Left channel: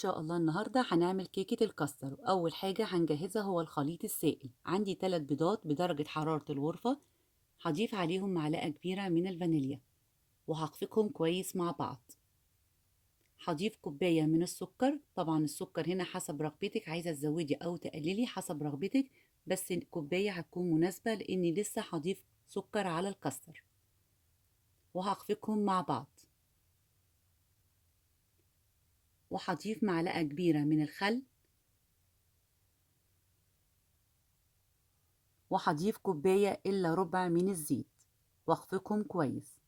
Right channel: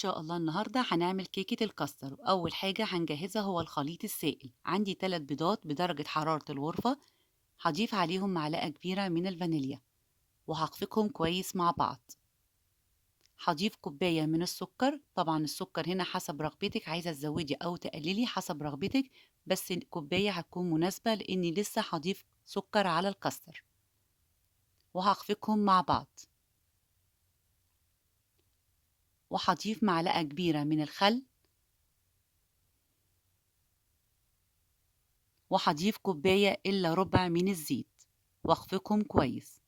شاء الله النهاردة هنعمل كيكة الكاستر. أول حاجة هنجهزها هو الخليط السائل. عندي 3 بيضات بدرجة حرارة الغرفة، هضيف عليهم معلقة كبيرة من الفانيليا وهخفقهم كويس مع بعض. هضيف كوباية من السكر، طبعا السكر هنا حسب رغبتك، عايزة تزودي أو تقللي حسب رغبتك، بس الكوباية هتكون مناسبة لأني لسه هضيف سكر على الكاستر وهخفقهم مع بعض. وهضيف معلقة كبيرة من الخل، وهضيف كوباية إلا ربع من الزيت واخفقهم كويس.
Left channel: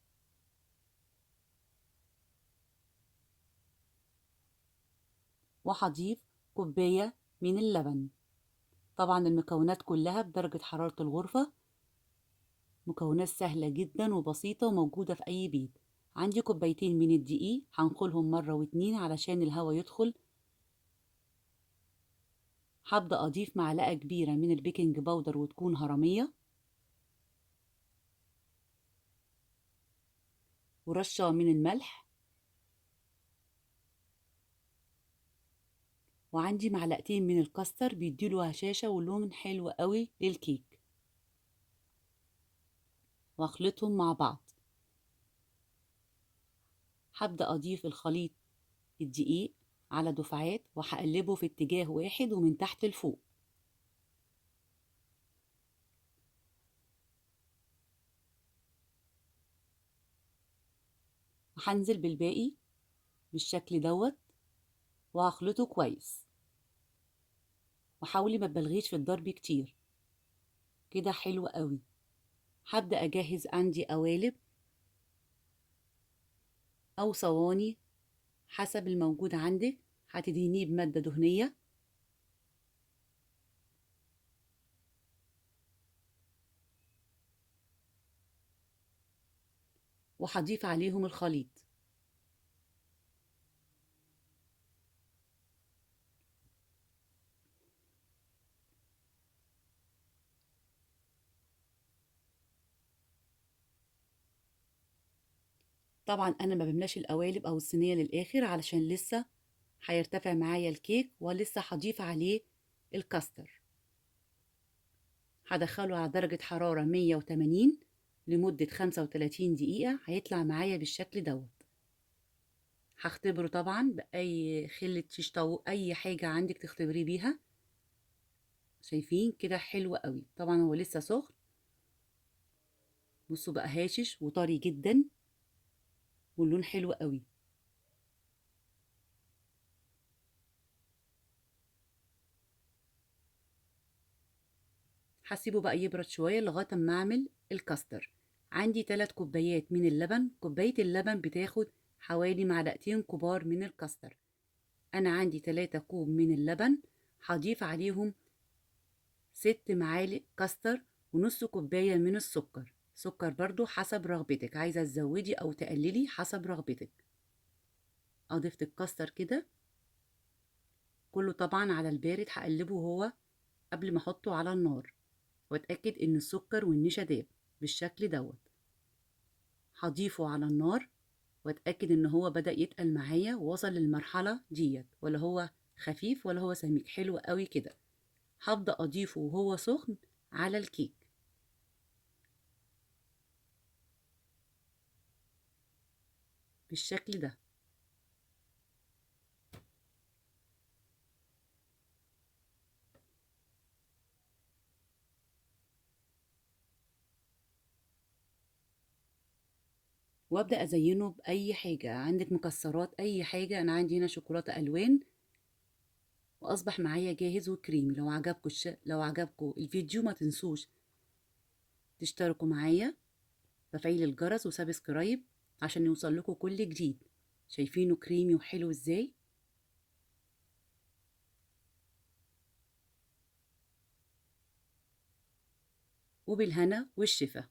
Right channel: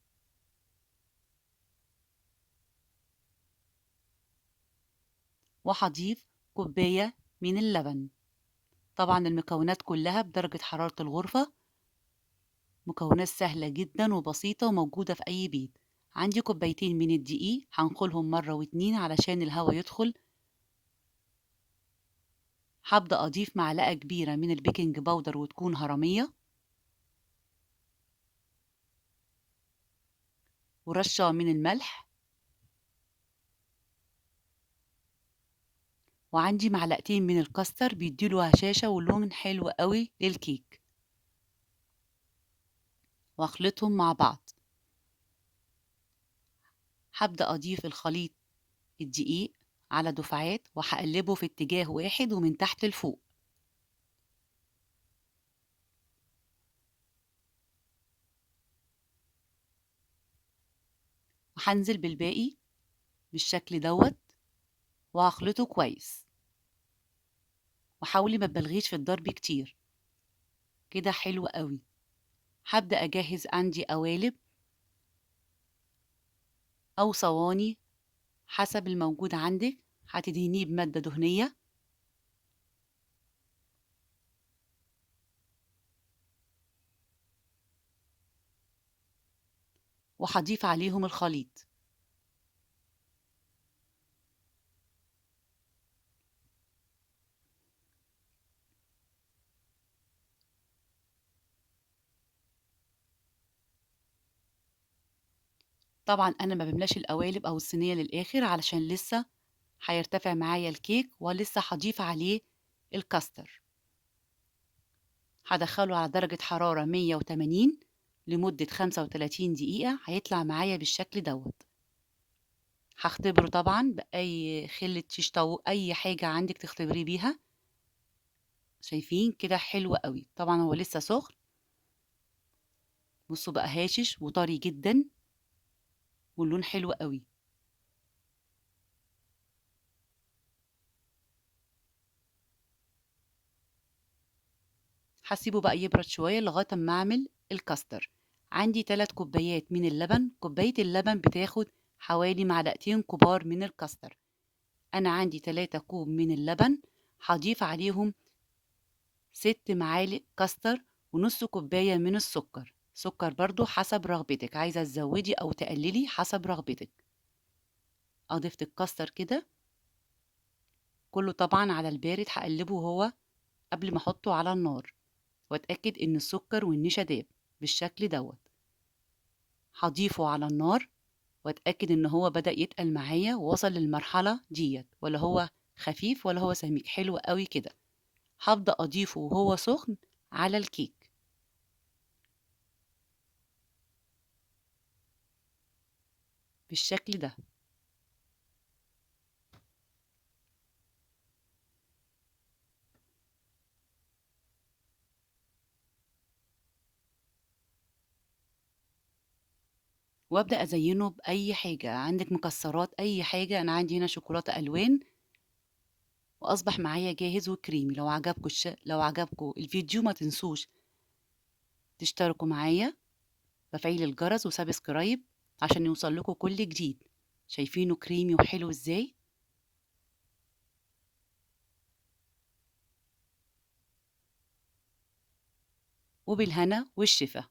وهضيف كوباية من اللبن. طبعا المكونات كلها بدرجة حرارة الغرفة، مكونات سهلة جدا وبسيطة وموجودة في أي بيت. عندي كوبايتين من الدقيق هنخلهم مرة واتنين علشان الهواء يدخل. هبدأ أضيف معلقة كبيرة من البيكنج باودر وتكون هرمية، ورشة من الملح، وعندي معلقتين من الكاستر بيديله هشاشة ولون حلو قوي للكيك، واخلطهم مع بعض. هبدأ أضيف الخليط الدقيق على دفعات وهقلبه في اتجاه واحد ومن تحت لفوق، وهنزل بالباقي بالشكل دوت وهخلطه كويس. وحاولي ما تبالغيش في الضرب كتير، كده حلو قوي. هبدأ أجهز عندي قوالب أو صواني حسب الموجود عندك، هتدهنيه بمادة دهنية وهضيف عليهم الخليط. طبعا أنا ما بملاش القوالب أو الصينية للآخر علشان لسه هيرتفع معايا الكيك ولسه هضيف عليه الكاستر. هدخله على درجة حرارة 180 لمدة 35 دقيقة، هيطلع معايا بالشكل دوت. هختبره طبعا بأي خلة شيش طاووق، أي حاجة عندك تختبريه بيها. شايفين كده حلو قوي؟ طبعا هو لسه سخن، بصوا بقى هاشش وطري جدا واللون حلو قوي. هسيبه بقى يبرد شوية لغاية ما أعمل الكاستر. عندي 3 كوبايات من اللبن، كوباية اللبن بتاخد حوالي معلقتين كبار من الكاستر. أنا عندي 3 كوب من اللبن، هضيف عليهم 6 معالق كاستر ونص كوباية من السكر. سكر برضو حسب رغبتك، عايزة تزودي أو تقللي حسب رغبتك. أضفت الكاستر كده كله طبعا على البارد، هقلبه هو قبل ما أحطه على النار وأتأكد إن السكر والنشا داب بالشكل دوت. هضيفه على النار وأتأكد إن هو بدأ يتقل معايا ووصل للمرحلة ديت، ولا هو خفيف ولا هو سميك، حلو قوي كده. هبدأ أضيفه وهو سخن على الكيك بالشكل ده. وابدأ أزينه بأي حاجة عندك، مكسرات، أي حاجة. أنا عندي هنا شوكولاتة ألوان، وأصبح معايا جاهز وكريمي. لو عجبكم الفيديو ما تنسوش تشتركوا معايا بفعيل الجرس وسبسكرايب عشان يوصل لكم كل جديد. شايفينه كريمي وحلو ازاي؟ وبالهنا والشفا.